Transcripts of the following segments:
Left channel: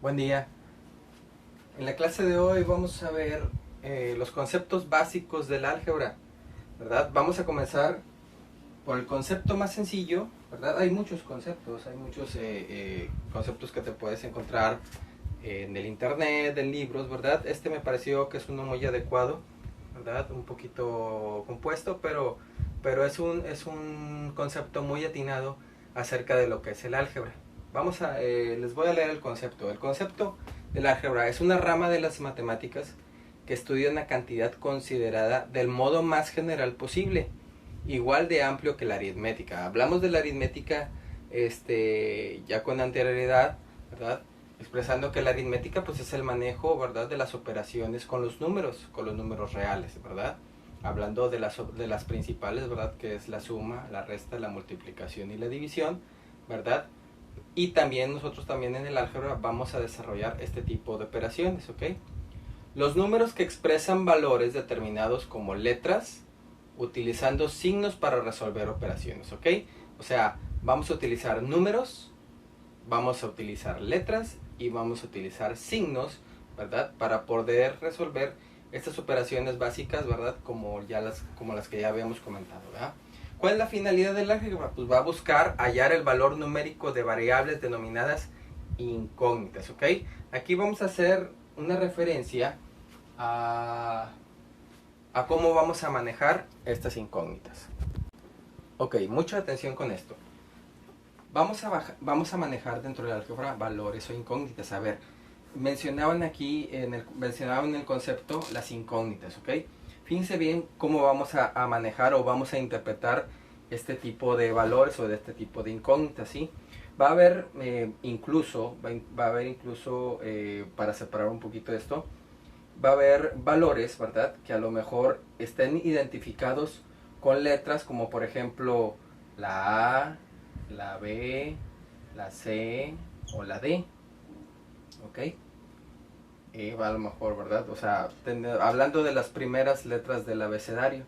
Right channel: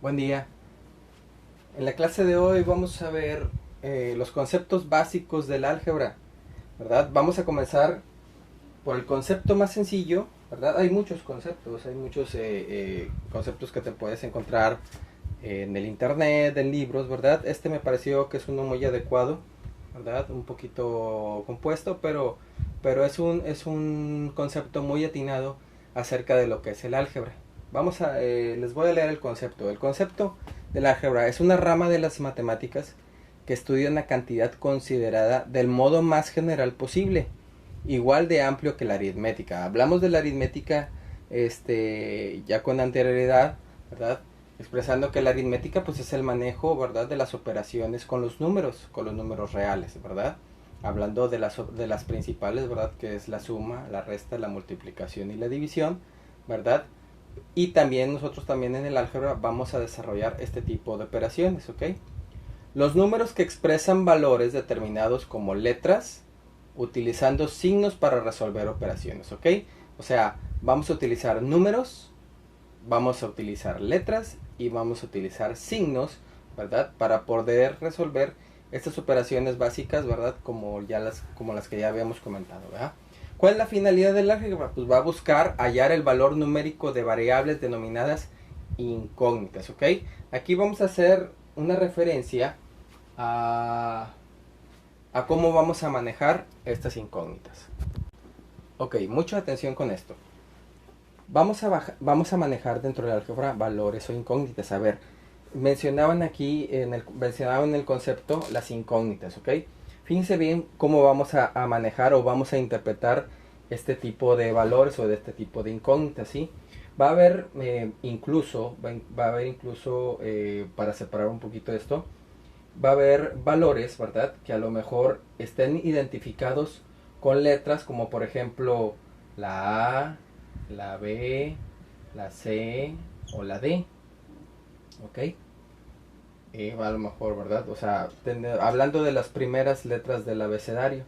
Buen día. En la clase de hoy vamos a ver los conceptos básicos del álgebra, ¿verdad? Vamos a comenzar por el concepto más sencillo, ¿verdad? Hay muchos conceptos, hay muchos conceptos que te puedes encontrar en el internet, en libros, ¿verdad? Este me pareció que es uno muy adecuado, ¿verdad? Un poquito compuesto, pero es un concepto muy atinado acerca de lo que es el álgebra. Les voy a leer el concepto. El concepto del álgebra es una rama de las matemáticas que estudia una cantidad considerada del modo más general posible, igual de amplio que la aritmética. Hablamos de la aritmética ya con anterioridad, ¿verdad? Expresando que la aritmética pues es el manejo, ¿verdad?, de las operaciones con los números reales, ¿verdad? Hablando de las principales, ¿verdad?, que es la suma, la resta, la multiplicación y la división, ¿verdad? Y también nosotros también en el álgebra vamos a desarrollar este tipo de operaciones, ¿ok? Los números que expresan valores determinados como letras, utilizando signos para resolver operaciones, ¿ok? O sea, vamos a utilizar números, vamos a utilizar letras y vamos a utilizar signos, ¿verdad? Para poder resolver estas operaciones básicas, ¿verdad? Como las que ya habíamos comentado, ¿verdad? ¿Cuál es la finalidad del álgebra? Pues va a buscar hallar el valor numérico de variables denominadas incógnitas, ¿ok? Aquí vamos a hacer una referencia a, a cómo vamos a manejar estas incógnitas. Ok, mucha atención con esto. Vamos a manejar dentro del álgebra valores o incógnitas. A ver, mencionaban en el concepto las incógnitas, ¿ok? Fíjense bien cómo vamos a manejar o vamos a interpretar este tipo de valores o de este tipo de incógnitas, ¿sí? Va a haber incluso, para separar un poquito esto, va a haber valores, ¿verdad?, que a lo mejor estén identificados con letras como por ejemplo la A, la B, la C o la D, ¿ok? A lo mejor, ¿verdad? O sea, hablando de las primeras letras del abecedario,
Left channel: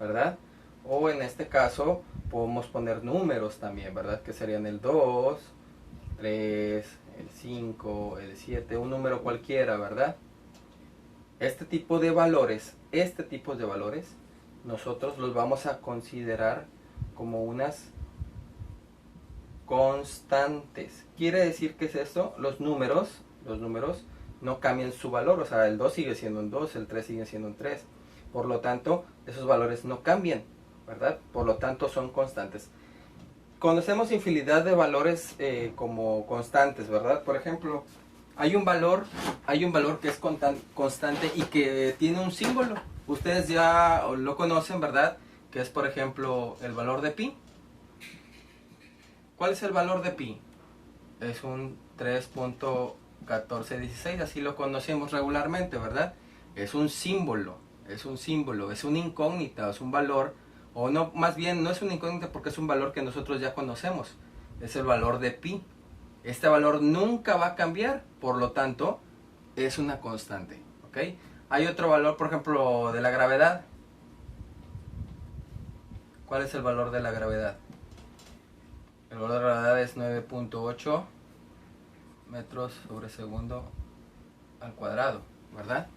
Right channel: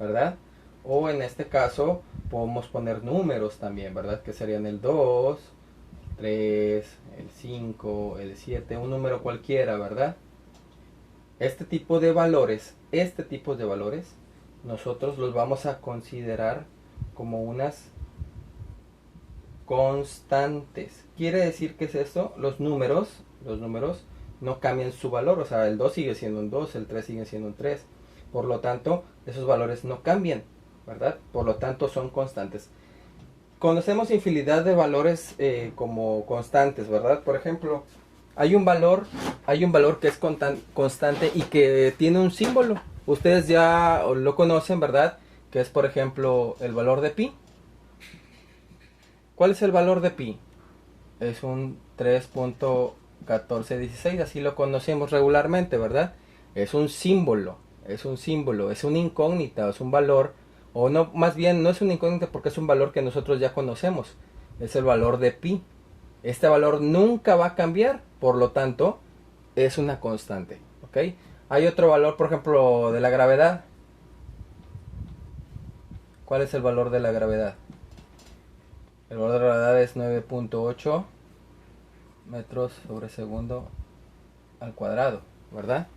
¿verdad? O en este caso podemos poner números también, ¿verdad? Que serían el 2, 3, el 5, el 7, un número cualquiera, ¿verdad? Este tipo de valores, nosotros los vamos a considerar como unas constantes. Quiere decir que es eso, los números no cambian su valor, o sea, el 2 sigue siendo un 2, el 3 sigue siendo un 3. Por lo tanto, esos valores no cambian, ¿verdad? Por lo tanto, son constantes. Conocemos infinidad de valores como constantes, ¿verdad? Por ejemplo, hay un valor, hay un valor que es constante y que tiene un símbolo. Ustedes ya lo conocen, ¿verdad? Que es, por ejemplo, el valor de pi. ¿Cuál es el valor de pi? Es un 3.1416, así lo conocemos regularmente, ¿verdad? Es un símbolo, es una incógnita, es un valor, o no, más bien no es una incógnita porque es un valor que nosotros ya conocemos, es el valor de pi. Este valor nunca va a cambiar, por lo tanto, es una constante, ¿ok? Hay otro valor, por ejemplo, de la gravedad. ¿Cuál es el valor de la gravedad? El valor de la gravedad es 9.8 metros sobre segundo al cuadrado, ¿verdad?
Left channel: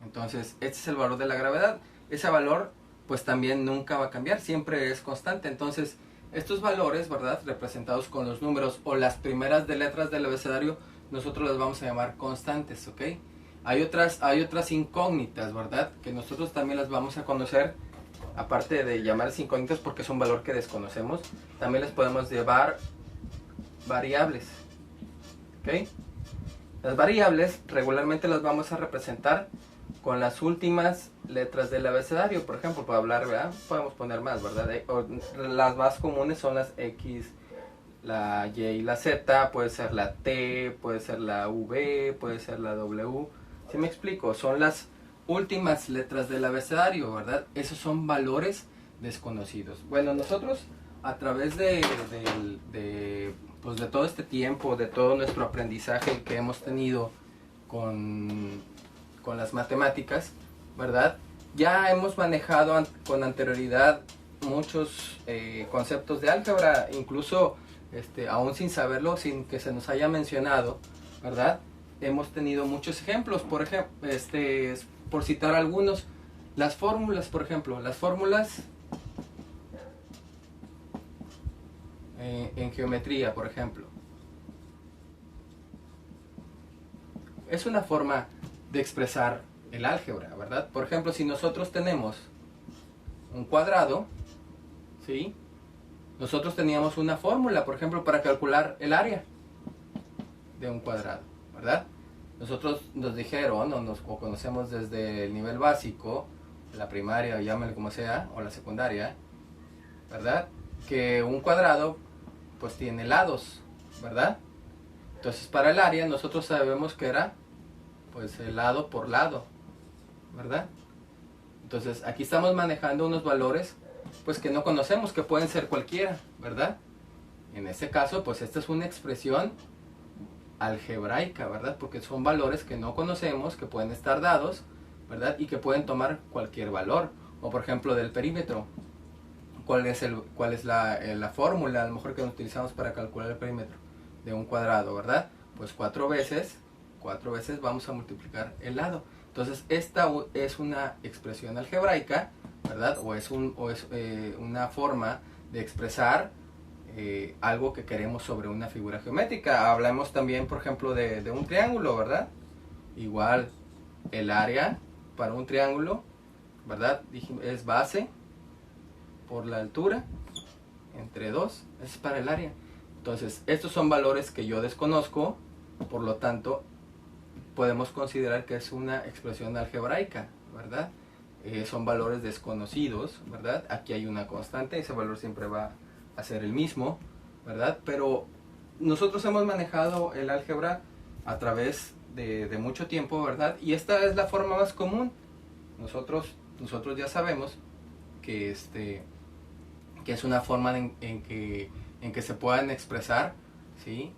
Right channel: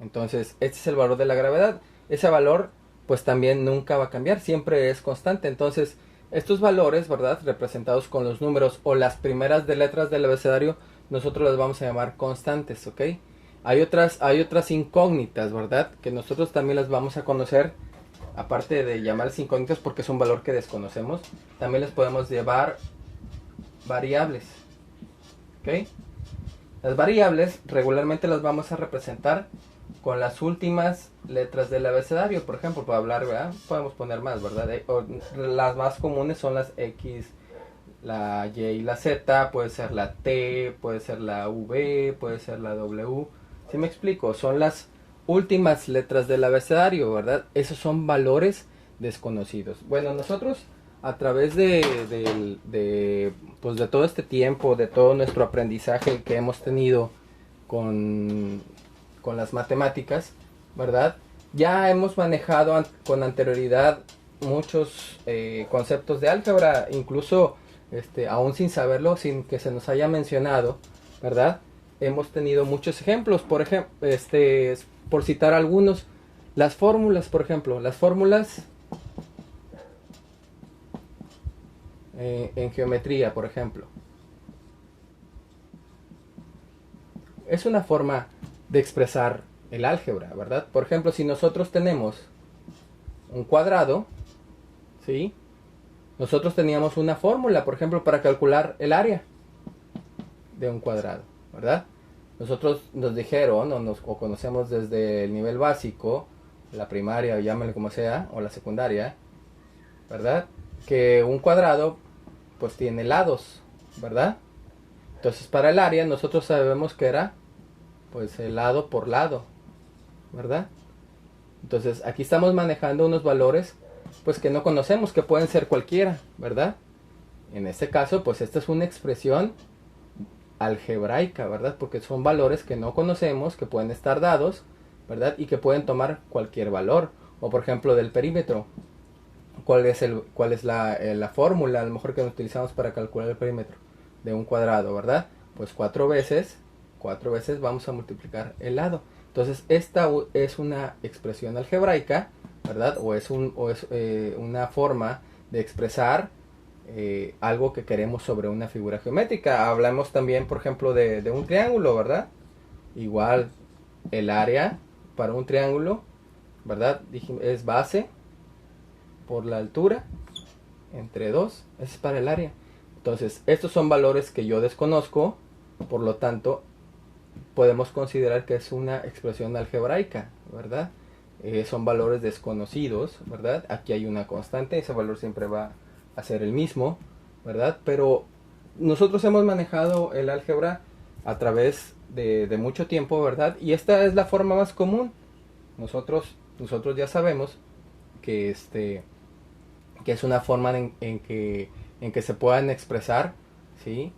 Entonces, este es el valor de la gravedad. Ese valor, pues también nunca va a cambiar, siempre es constante. Entonces, estos valores, ¿verdad?, representados con los números o las primeras de letras del abecedario, nosotros las vamos a llamar constantes, ¿ok? Hay otras incógnitas, ¿verdad?, que nosotros también las vamos a conocer, aparte de llamarlas incógnitas porque es un valor que desconocemos, también les podemos llevar variables, ¿ok? Las variables regularmente las vamos a representar con las últimas letras del abecedario. Por ejemplo, para hablar, ¿verdad?, podemos poner más, ¿verdad? Las más comunes son las X, la Y y la Z, puede ser la T, puede ser la V, puede ser la W. ¿Sí me explico? Son las últimas letras del abecedario, ¿verdad? Esos son valores desconocidos. Bueno, nosotros a través pues de todo este tiempo, de todo nuestro aprendizaje que hemos tenido con, con las matemáticas, ¿verdad? Ya hemos manejado con anterioridad muchos conceptos de álgebra, incluso aún sin saberlo, sin que se nos haya mencionado, ¿verdad? Hemos tenido muchos ejemplos, por ejemplo, por citar algunos, las fórmulas, por ejemplo, las fórmulas en geometría, por ejemplo. Es una forma de expresar el álgebra, ¿verdad? Por ejemplo, si nosotros tenemos un cuadrado, ¿sí? Nosotros teníamos una fórmula, por ejemplo, para calcular el área de un cuadrado, ¿verdad? Nosotros nos dijeron, o conocemos desde el nivel básico, la primaria, o llámenle como sea, o la secundaria, ¿verdad? Que un cuadrado, pues tiene lados, ¿verdad? Entonces, para el área, nosotros sabemos que era, pues, el lado por lado, ¿verdad? Entonces, aquí estamos manejando unos valores, pues, que no conocemos, que pueden ser cualquiera, ¿verdad? En este caso, pues, esta es una expresión algebraica, ¿verdad? Porque son valores que no conocemos, que pueden estar dados, ¿verdad? Y que pueden tomar cualquier valor. O, por ejemplo, del perímetro. ¿Cuál es la fórmula, a lo mejor, que utilizamos para calcular el perímetro de un cuadrado, ¿verdad? Pues 4 veces vamos a multiplicar el lado. Entonces, esta es una expresión algebraica, ¿verdad? O es una forma de expresar algo que queremos sobre una figura geométrica. Hablamos también, por ejemplo, de un triángulo, ¿verdad? Igual, el área para un triángulo, ¿verdad? Es base por la altura entre 2, eso es para el área. Entonces, estos son valores que yo desconozco, por lo tanto, podemos considerar que es una expresión algebraica, ¿verdad? Son valores desconocidos, ¿verdad? Aquí hay una constante, ese valor siempre va a ser el mismo, ¿verdad? Pero nosotros hemos manejado el álgebra a través de mucho tiempo, ¿verdad? Y esta es la forma más común. Nosotros ya sabemos que que es una forma en que se puedan expresar, ¿sí?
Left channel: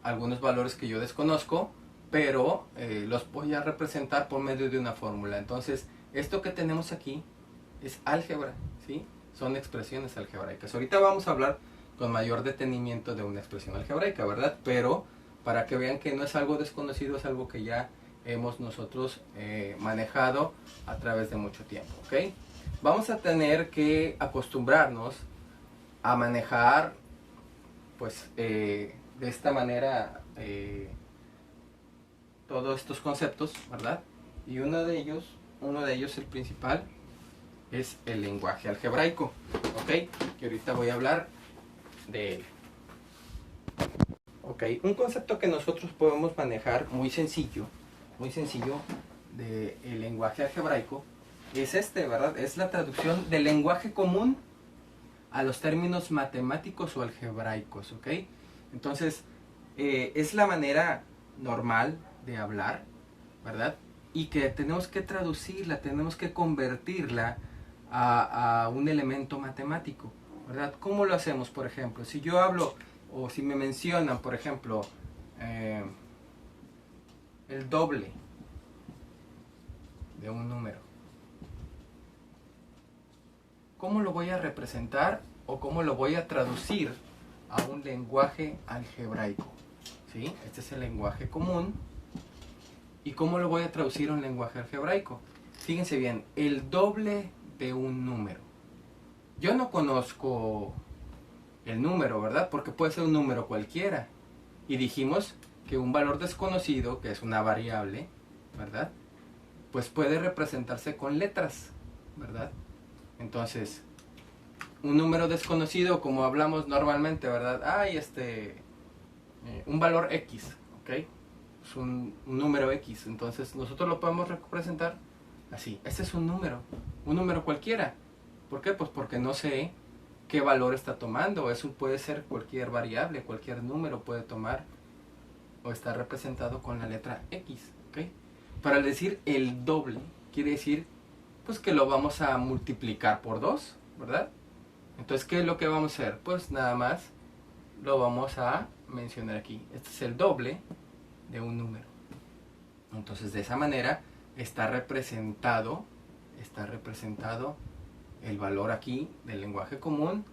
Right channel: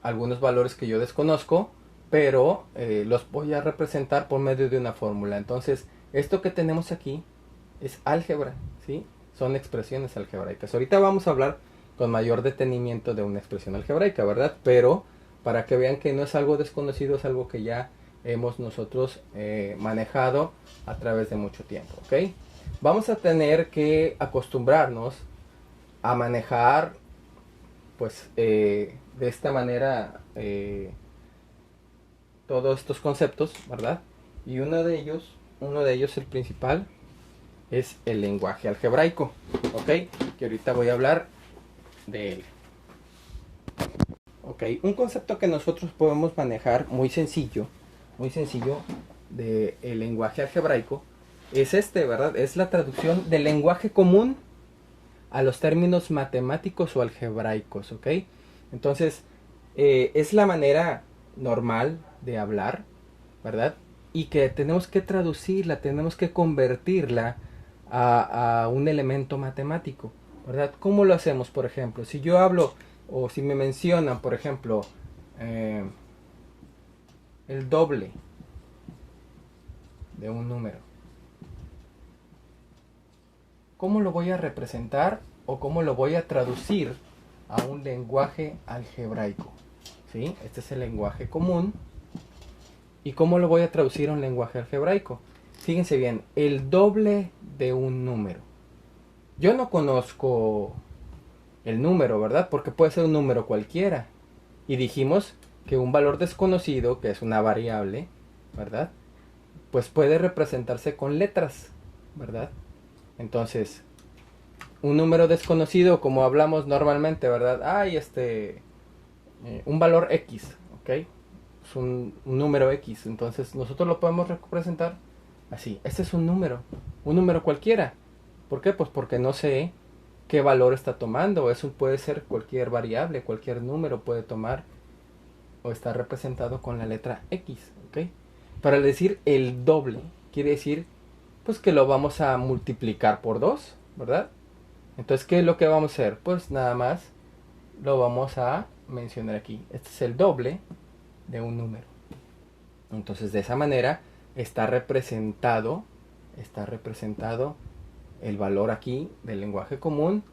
Algunos valores que yo desconozco, pero los voy a representar por medio de una fórmula. Entonces, esto que tenemos aquí es álgebra, ¿sí? Son expresiones algebraicas. Ahorita vamos a hablar con mayor detenimiento de una expresión algebraica, ¿verdad? Pero para que vean que no es algo desconocido, es algo que ya hemos nosotros manejado a través de mucho tiempo, ¿ok? Vamos a tener que acostumbrarnos a manejar, pues, de esta manera todos estos conceptos, ¿verdad? Y uno de ellos, el principal, es el lenguaje algebraico, ¿ok? Que ahorita voy a hablar de él. Ok, un concepto que nosotros podemos manejar muy sencillo del lenguaje algebraico es ¿verdad? Es la traducción del lenguaje común a los términos matemáticos o algebraicos, ¿ok? Entonces, es la manera normal de hablar, ¿verdad? Y que tenemos que traducirla, tenemos que convertirla a un elemento matemático, ¿verdad? ¿Cómo lo hacemos, por ejemplo? Si yo hablo, o si me mencionan, por ejemplo, el doble de un número, ¿cómo lo voy a representar o cómo lo voy a traducir a un lenguaje algebraico? ¿Sí? Este es el lenguaje común. ¿Y cómo lo voy a traducir a un lenguaje algebraico? Fíjense bien, el doble de un número. Yo no conozco el número, ¿verdad? Porque puede ser un número cualquiera. Y dijimos que un valor desconocido, que es una variable, ¿verdad? Pues puede representarse con letras, ¿verdad? Entonces, un número desconocido, como hablamos normalmente, ¿verdad? Hay un valor X, ¿ok? Es un número X, entonces nosotros lo podemos representar así. Este es un número cualquiera. ¿Por qué? Pues porque no sé qué valor está tomando. Eso puede ser cualquier variable, cualquier número puede tomar o estar representado con la letra X, ¿ok? Para decir el doble, quiere decir pues que lo vamos a multiplicar por 2, ¿verdad? Entonces, ¿qué es lo que vamos a hacer? Pues nada más lo vamos a mencionar aquí. Este es el doble de un número. Entonces, de esa manera está representado el valor aquí del lenguaje común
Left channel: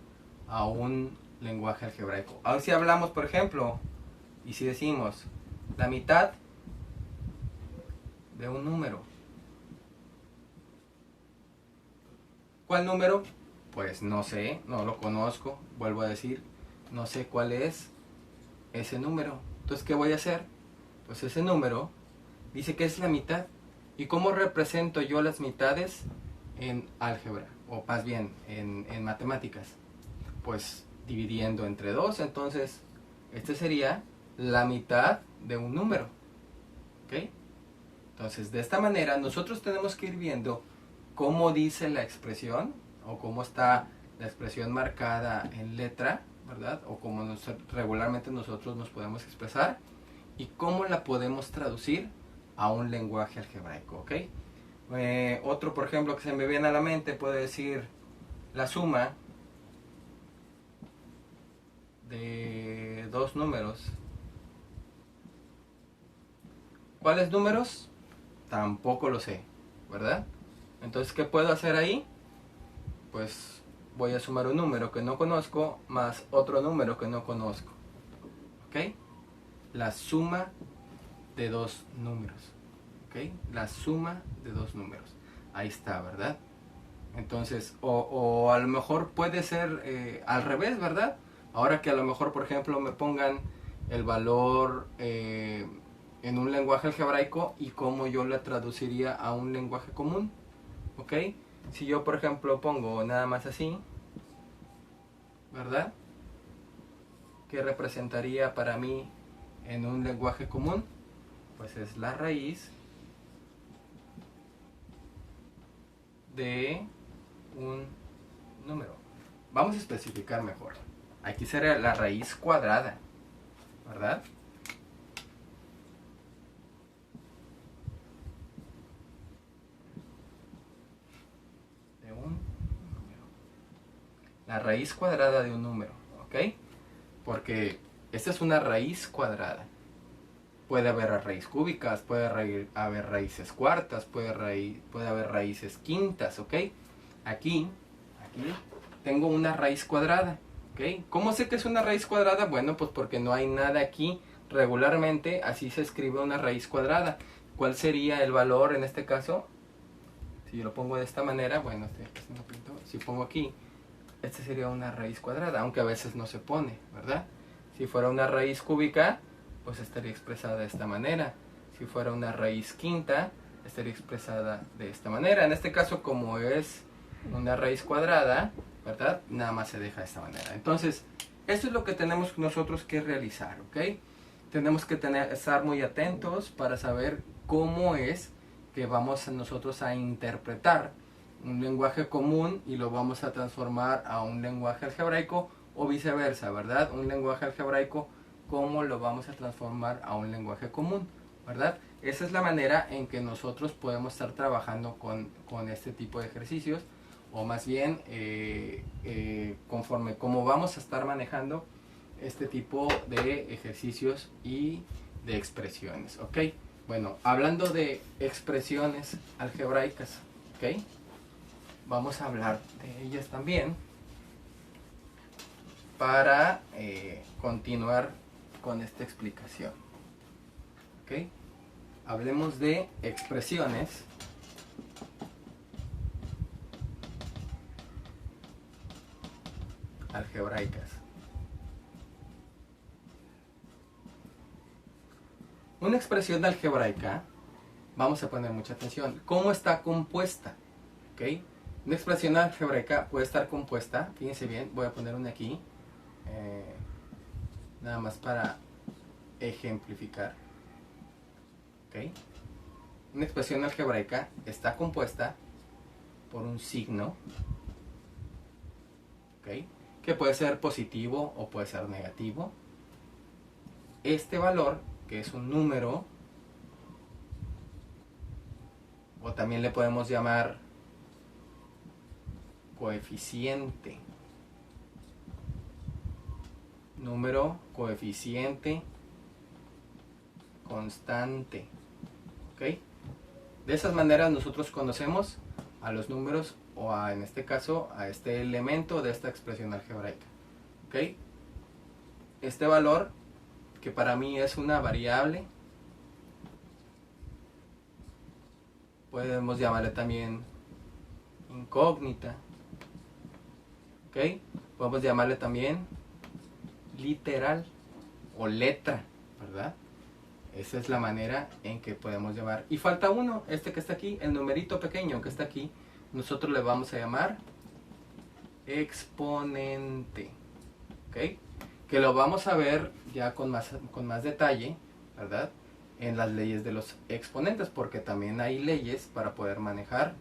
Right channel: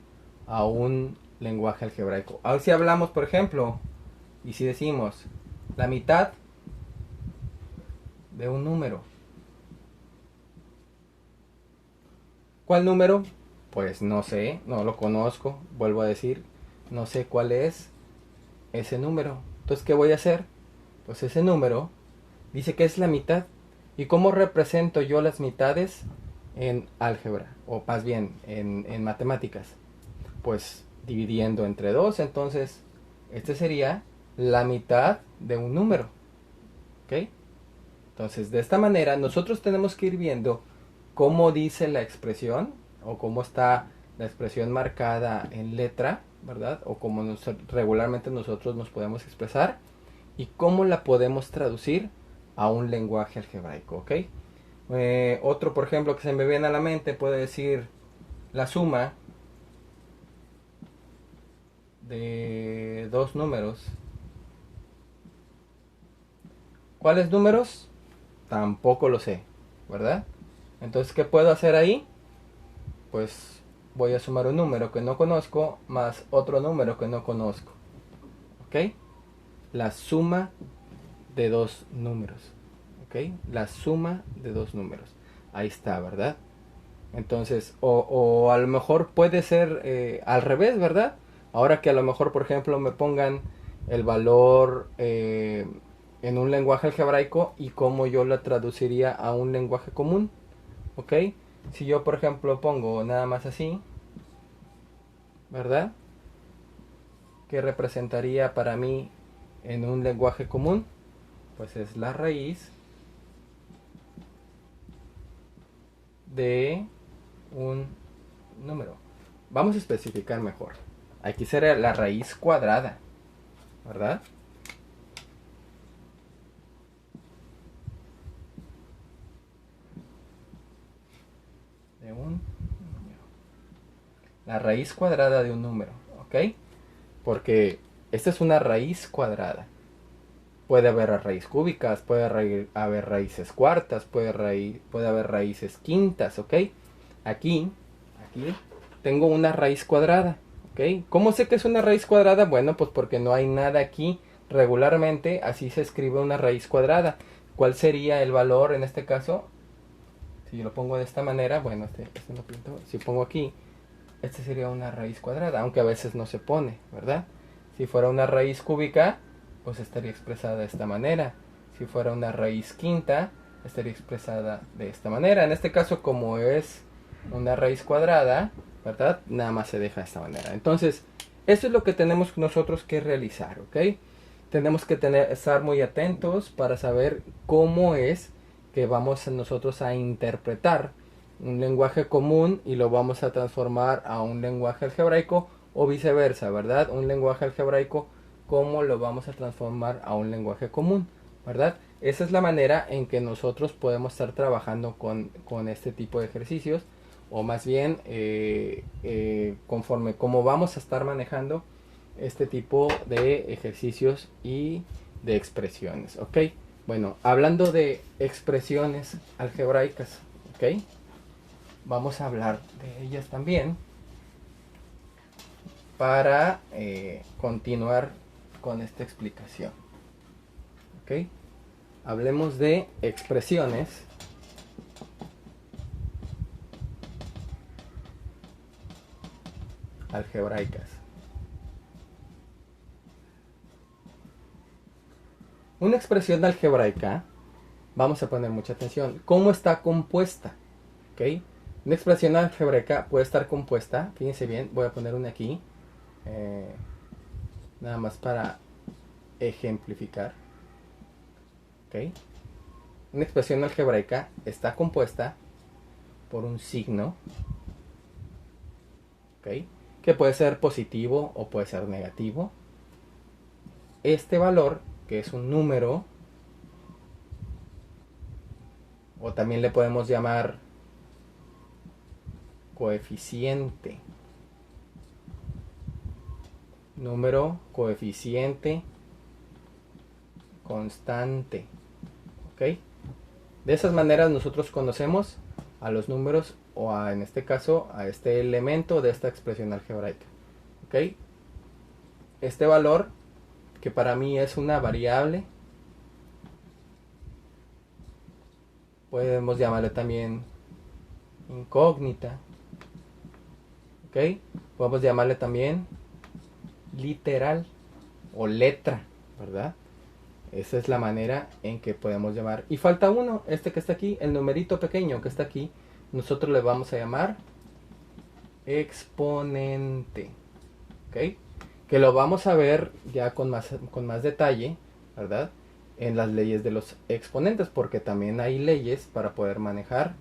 a un lenguaje algebraico. Ahora si hablamos, por ejemplo, y si decimos la mitad de un número. ¿Cuál número? Pues no sé, no lo conozco, vuelvo a decir, no sé cuál es ese número. Entonces, ¿qué voy a hacer? Pues ese número dice que es la mitad. ¿Y cómo represento yo las mitades en álgebra? O más bien en matemáticas. Pues dividiendo entre 2, entonces este sería la mitad de un número. ¿Ok? Entonces, de esta manera nosotros tenemos que ir viendo cómo dice la expresión o cómo está la expresión marcada en letra, ¿verdad? O cómo regularmente nosotros nos podemos expresar y cómo la podemos traducir a un lenguaje algebraico, ¿ok? Otro, por ejemplo, que se me viene a la mente puede decir la suma de dos números. ¿Cuáles números? Tampoco lo sé, ¿verdad? Entonces, ¿qué puedo hacer ahí? Pues voy a sumar un número que no conozco más otro número que no conozco. ¿Ok? La suma de dos números. ¿Ok? La suma de dos números. Ahí está, ¿verdad? Entonces, o a lo mejor puede ser al revés, ¿verdad? Ahora que a lo mejor, por ejemplo, me pongan el valor en un lenguaje algebraico y cómo yo la traduciría a un lenguaje común, ¿ok? Si yo, por ejemplo, pongo nada más así, ¿verdad? ¿Qué representaría para mí en un lenguaje común? Pues es la raíz de un número. Vamos a especificar mejor. Aquí sería la raíz cuadrada, ¿verdad? De un número. La raíz cuadrada de un número, ¿ok? Porque esta es una raíz cuadrada. Puede haber raíz cúbicas, puede haber raíces cuartas, puede haber raíces quintas, ¿ok? Aquí tengo una raíz cuadrada, ¿ok? ¿Cómo sé que es una raíz cuadrada? Bueno, pues porque no hay nada aquí. Regularmente así se escribe una raíz cuadrada. ¿Cuál sería el valor en este caso? Si yo lo pongo de esta manera, bueno, este no pinto. Si pongo aquí, este sería una raíz cuadrada, aunque a veces no se pone, ¿verdad? Si fuera una raíz cúbica, pues estaría expresada de esta manera. Si fuera una raíz quinta, estaría expresada de esta manera. En este caso, como es una raíz cuadrada, ¿verdad? Nada más se deja de esta manera. Entonces, eso es lo que tenemos nosotros que realizar, ¿ok? Tenemos que estar muy atentos para saber cómo es que vamos nosotros a interpretar un lenguaje común y lo vamos a transformar a un lenguaje algebraico o viceversa, ¿verdad? Un lenguaje algebraico, ¿cómo lo vamos a transformar a un lenguaje común? ¿Verdad? Esa es la manera en que nosotros podemos estar trabajando con este tipo de ejercicios o más bien conforme como vamos a estar manejando este tipo de ejercicios y de expresiones, ¿ok? Bueno, hablando de expresiones algebraicas, ¿ok? Vamos a hablar de ellas también para continuar con esta explicación, ¿ok? Hablemos de expresiones algebraicas. Una expresión algebraica, vamos a poner mucha atención, ¿cómo está compuesta? ¿Ok? Una expresión algebraica puede estar compuesta, fíjense bien, voy a poner una aquí, nada más para ejemplificar. ¿Ok? Una expresión algebraica está compuesta por un signo, ¿ok? Que puede ser positivo o puede ser negativo. Este valor, que es un número, o también le podemos llamar coeficiente, número, coeficiente, constante, ¿ok? De esas maneras nosotros conocemos a los números o en este caso a este elemento de esta expresión algebraica, ¿ok? este valor, que para mí es una variable, podemos llamarle también incógnita, ¿ok? Podemos llamarle también literal o letra, ¿verdad? Esa es la manera en que podemos llamar. Y falta uno, este que está aquí, el numerito pequeño que está aquí, nosotros le vamos a llamar exponente, ¿ok? Que lo vamos a ver ya con más detalle, ¿verdad? En las leyes de los exponentes, porque también hay leyes para poder manejar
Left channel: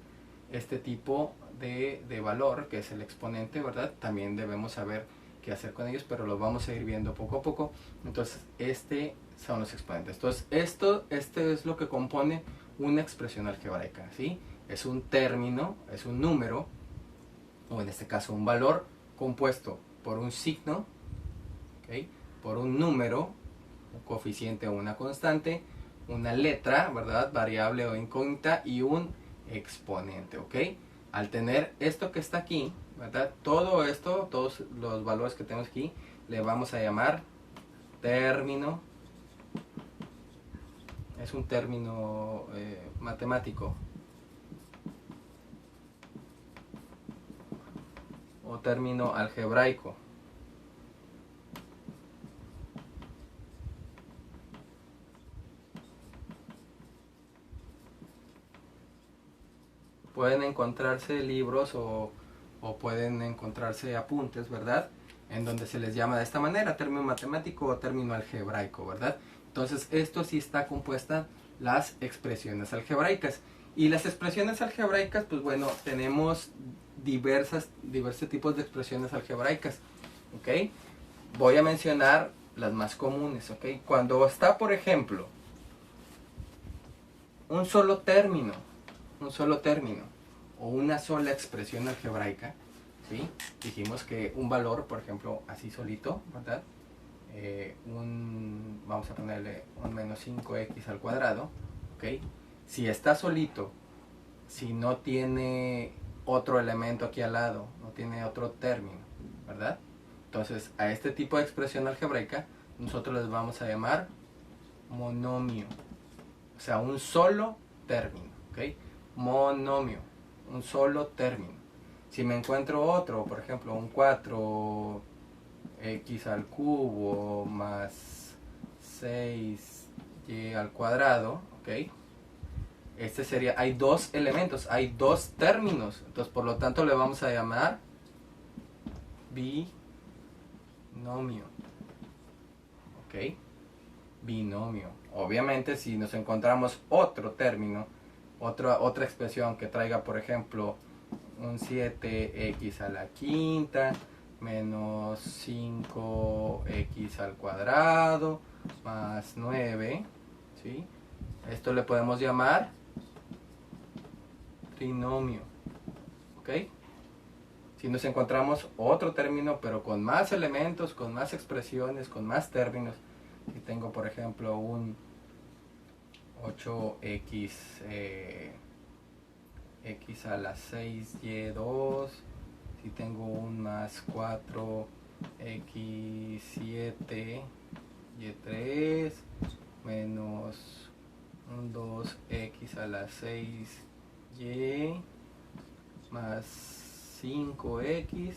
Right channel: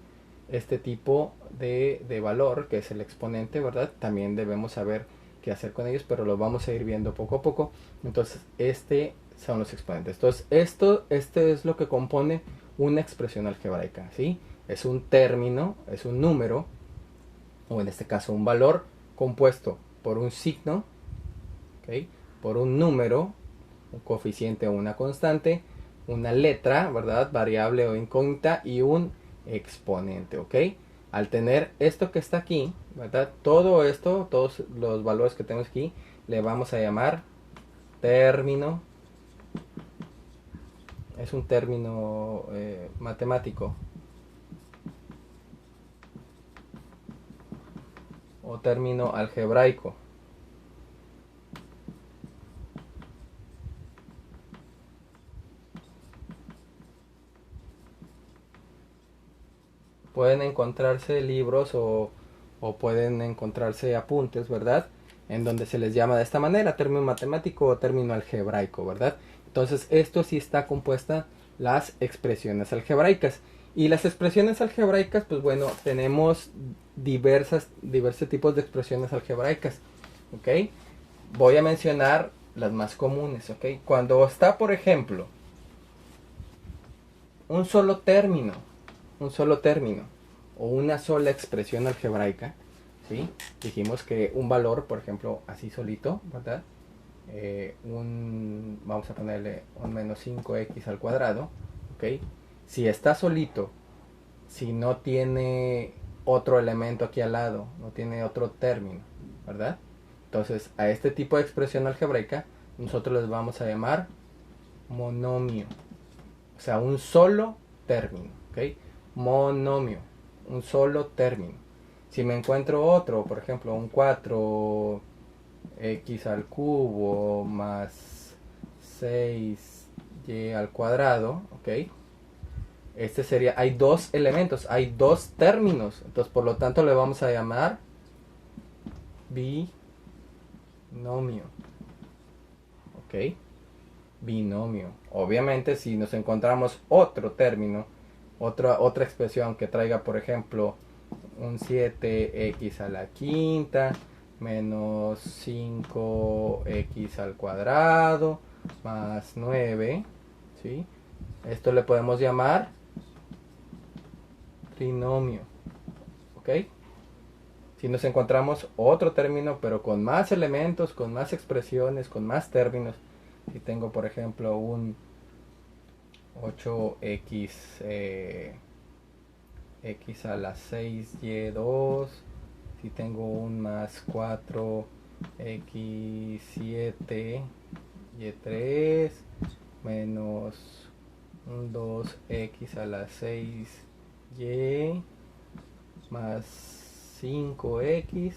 este tipo de valor, que es el exponente, ¿verdad? También debemos saber qué hacer con ellos, pero lo vamos a ir viendo poco a poco. Entonces, son los exponentes. Entonces, esto es lo que compone una expresión algebraica, ¿sí? Es un término, es un número, o en este caso un valor compuesto por un signo, ¿okay? Por un número, un coeficiente o una constante, una letra, ¿verdad? Variable o incógnita, y un exponente, ¿ok? Al tener esto que está aquí, ¿verdad? Todo esto, todos los valores que tenemos aquí, le vamos a llamar término. Es un término matemático o término algebraico. Pueden encontrarse libros o pueden encontrarse apuntes, ¿verdad? En donde se les llama de esta manera, término matemático o término algebraico, ¿verdad? Entonces, esto sí está compuesta las expresiones algebraicas. Y las expresiones algebraicas, pues bueno, tenemos diversos tipos de expresiones algebraicas, ¿ok? Voy a mencionar las más comunes, ¿ok? Cuando está, por ejemplo, un solo término, o una sola expresión algebraica, ¿sí? Dijimos que un valor, por ejemplo, así solito, ¿verdad? Vamos a ponerle un menos 5x al cuadrado, ¿ok? Si está solito, si no tiene otro elemento aquí al lado, no tiene otro término, ¿verdad? Entonces, a este tipo de expresión algebraica, nosotros les vamos a llamar monomio. O sea, un solo término, ¿ok? Monomio, un solo término. Si me encuentro otro, por ejemplo, un 4x al cubo más 6y al cuadrado, ¿ok? Este sería, hay dos elementos, hay dos términos, entonces por lo tanto le vamos a llamar binomio, ¿ok? Binomio. Obviamente si nos encontramos otro término, otra expresión que traiga, por ejemplo, un 7x a la quinta menos 5x al cuadrado más 9, ¿sí? Esto le podemos llamar trinomio, ¿ok? Si nos encontramos otro término, pero con más elementos, con más expresiones, con más términos, si tengo, por ejemplo, un 8x x a la 6y2, si tengo un más 4x7 y3 menos un 2x a la 6y más 5x,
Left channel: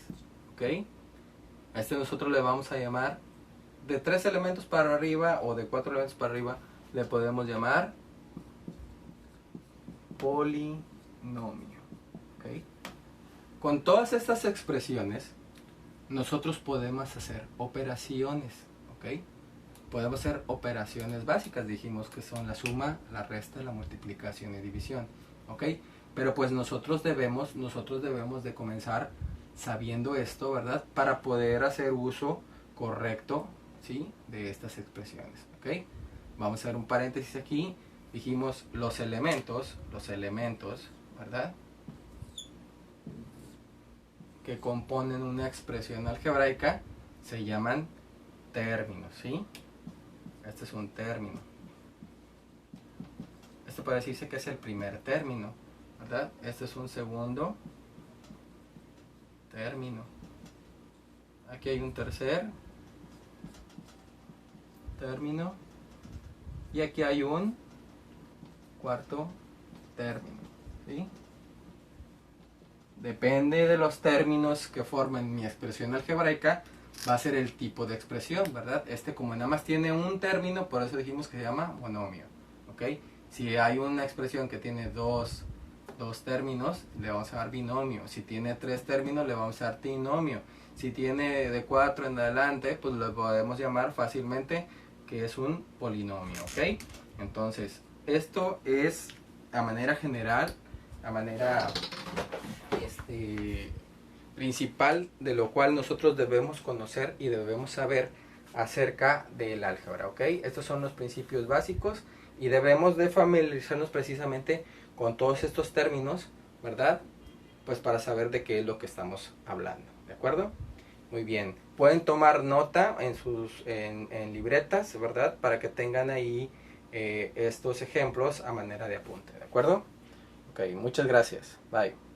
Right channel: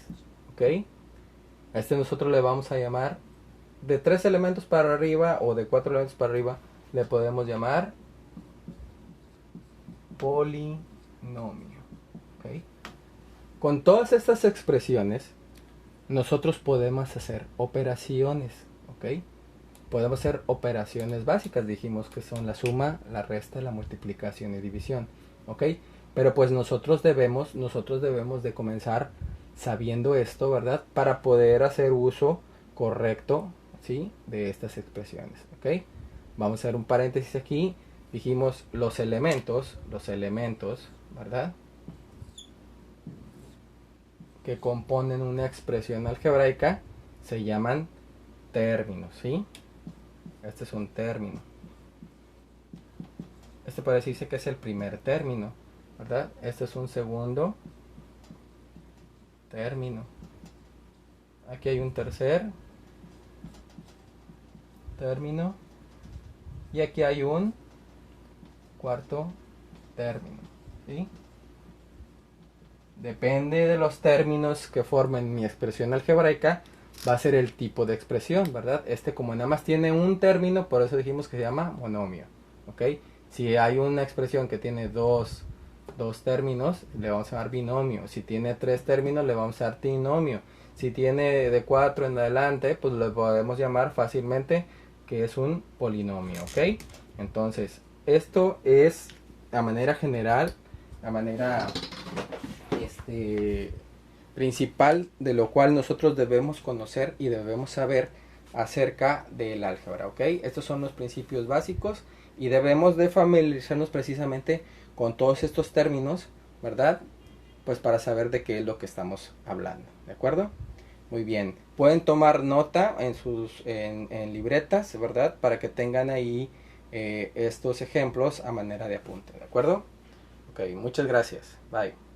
¿ok? A este nosotros le vamos a llamar, de 3 elementos para arriba o de 4 elementos para arriba, le podemos llamar polinomio, ¿ok? Con todas estas expresiones, nosotros podemos hacer operaciones, ¿ok? Podemos hacer operaciones básicas, dijimos que son la suma, la resta, la multiplicación y división, ¿ok? Pero pues nosotros debemos de comenzar sabiendo esto, ¿verdad? Para poder hacer uso correcto, ¿sí? De estas expresiones, ¿ok? Vamos a hacer un paréntesis aquí. Dijimos los elementos, ¿verdad? Que componen una expresión algebraica se llaman términos, ¿sí? Este es un término. Esto puede decirse que es el primer término, ¿verdad? Este es un segundo término. Aquí hay un tercer término y aquí hay un cuarto término, ¿sí? Depende de los términos que formen mi expresión algebraica, va a ser el tipo de expresión, ¿verdad? Como nada más tiene un término, por eso dijimos que se llama monomio, ¿ok? Si hay una expresión que tiene dos términos, le vamos a llamar binomio. Si tiene 3 términos, le vamos a llamar trinomio. Si tiene de 4 en adelante, pues le podemos llamar fácilmente que es un polinomio, ¿ok? Entonces, esto es la manera general, la manera principal de lo cual nosotros debemos conocer y debemos saber acerca del álgebra, ¿ok? Estos son los principios básicos y debemos de familiarizarnos precisamente con todos estos términos, ¿verdad? Pues para saber de qué es lo que estamos hablando, ¿de acuerdo? Muy bien, pueden tomar nota en libretas, ¿verdad? Para que tengan ahí estos ejemplos a manera de apunte, ¿de acuerdo? Ok, muchas gracias, bye.